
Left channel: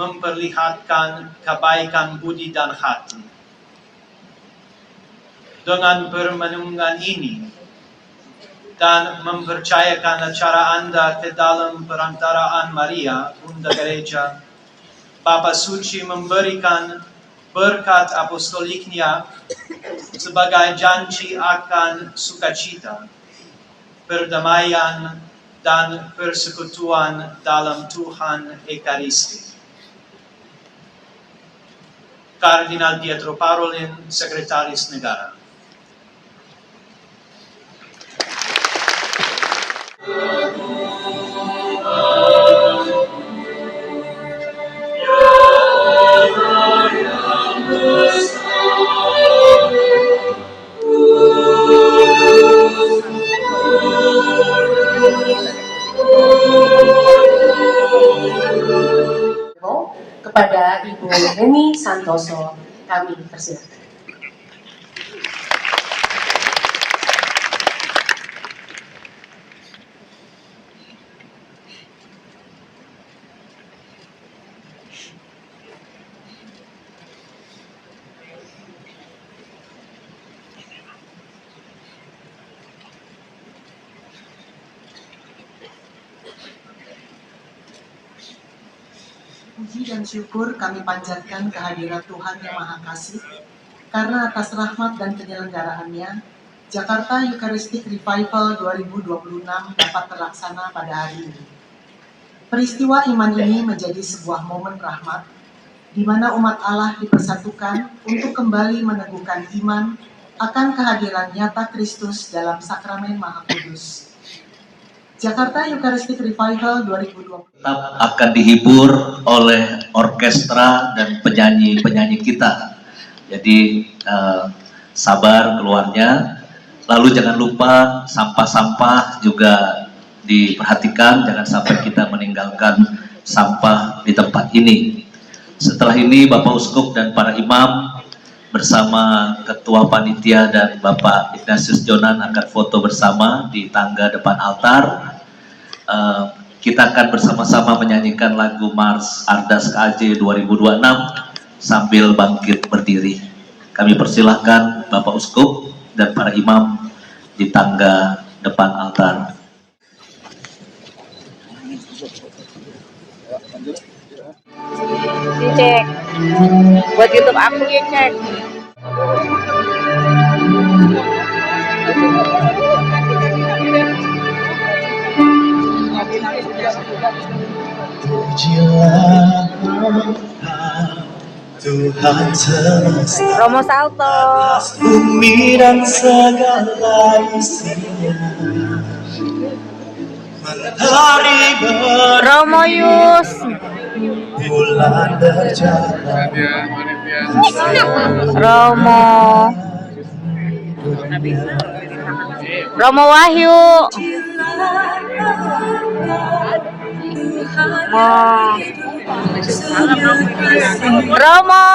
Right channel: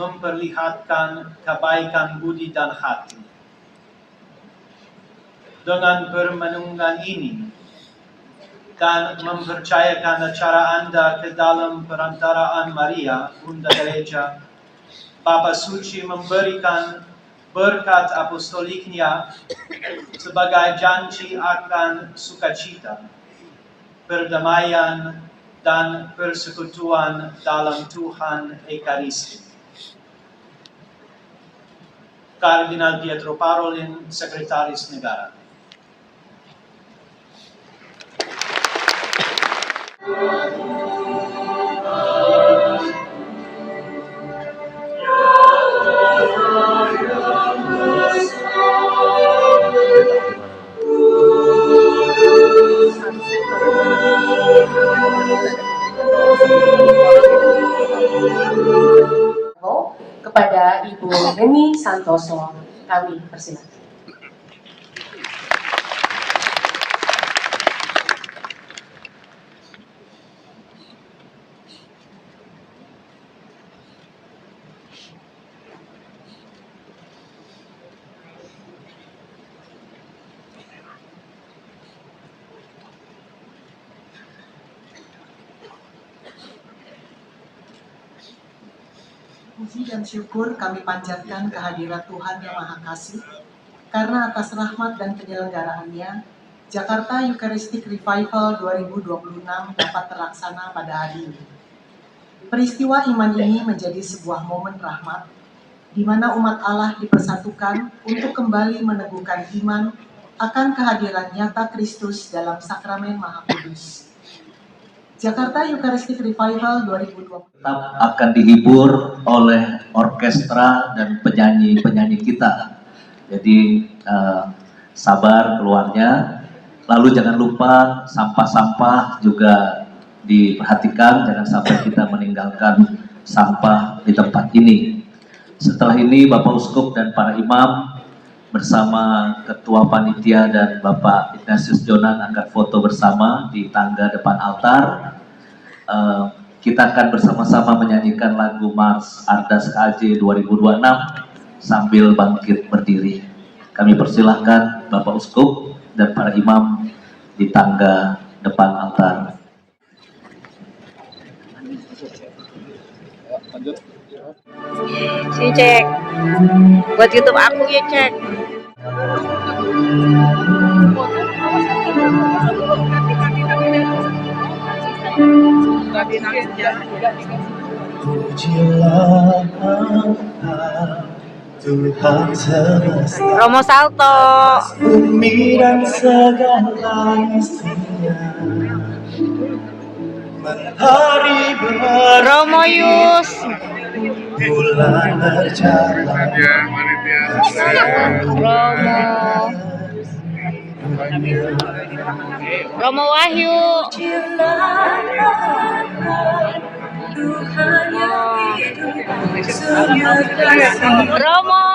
memperlihatkan kebaikan budi dan hati. Dengan permenungan ini dan mempercayakan acara Anda ke dalam perantaraan Maria, Bunda Gereja, Bapa Suci memberikan berkat apostoliknya sebagai janji akan sukacita, perdamaian, dan persekutuan dalam Tuhan Ekaristi. Kardinal Pietro Parolin, Sekretaris Negara. Kepada Ibu Heni Santoso, kami persilakan. Puji dan syukur kami panjatkan kehadirat Tuhan Yang Maha Kasih, karena atas rahmat dan penyelenggaraannya, Jakarta Eucharistic Revival 2026 dapat terlaksana pada hari ini. Peristiwa iman ini menjadi sebuah momen rahmat, di mana umat Allah dipersatukan untuk kembali meneguhkan iman akan kehadiran nyata Kristus dalam sakramen Maha Kudus. Jakarta Eucharistic Revival 2020 tetap akan dihibur oleh orkestra dan penyanyi-penyanyi kita. Jadi sabar keluarnya. Lalu jangan lupa sampah-sampah juga diperhatikan, jangan sampai kita meninggalkan sampah di tempat ini. Setelah ini Bapak Uskup dan para imam bersama Ketua Panitia dan Bapak Ignatius Jonan akan foto bersama di tangga depan altar. Kita akan bersama-sama menyanyikan lagu Mars Ardas KAJ 2026 sambil bangkit berdiri. Kami persilahkan Bapak Uskup dan para imam di tangga depan altar. Ini cek buat YouTube aku ya, cek. Pujilah Tuhan semesta, Romo Salto, bumi dan segala isinya, mentari Romo Yus, bulan berjalan, Romo Wahyu, Romo,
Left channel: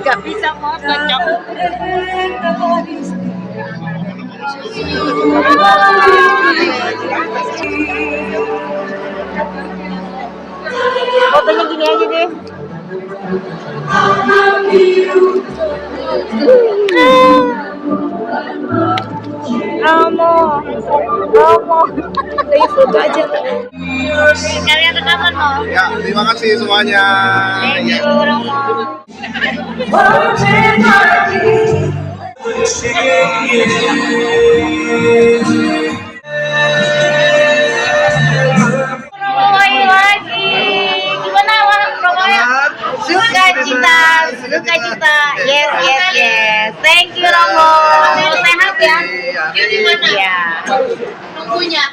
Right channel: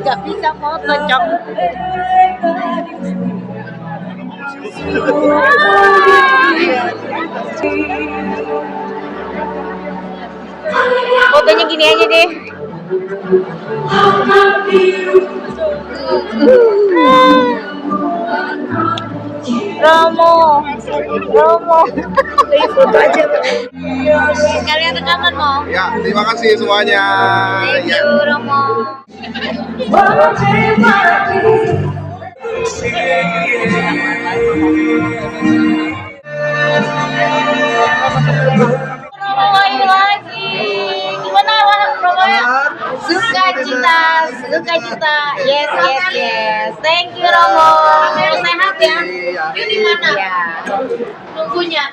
nggak bisa foto, Cok. Fotonya gini aja deh. Romo, foto aja. Kalian rekaman mau? Ya, terima kasih semuanya. Thank you, Romo. Romo lagi. Gimana Romo ya? Sukacita. Yes. Thank you Romo. Sehat ya? Di mana? Iya. Nunggunya.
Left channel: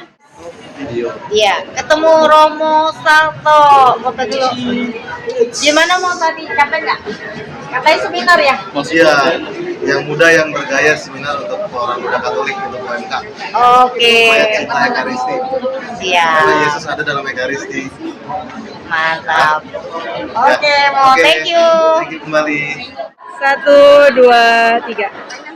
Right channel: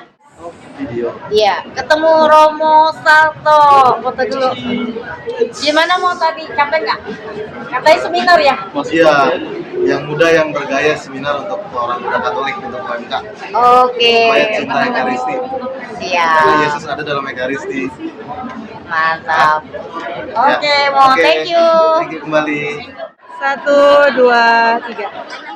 Iya, ketemu Romo Salto. Foto dulu. Gimana mau tadi? Capek nggak? Katanya seminar ya? Iya, yang muda yang bergaya seminar untuk orang muda Katolik untuk UMK. Oke. Supaya cinta Ekaristi. Siap. Karena Yesus ada dalam Ekaristi. Mantap. Oke, Mo. Oke. Thank you. Thank you kembali. 1, 2, 3.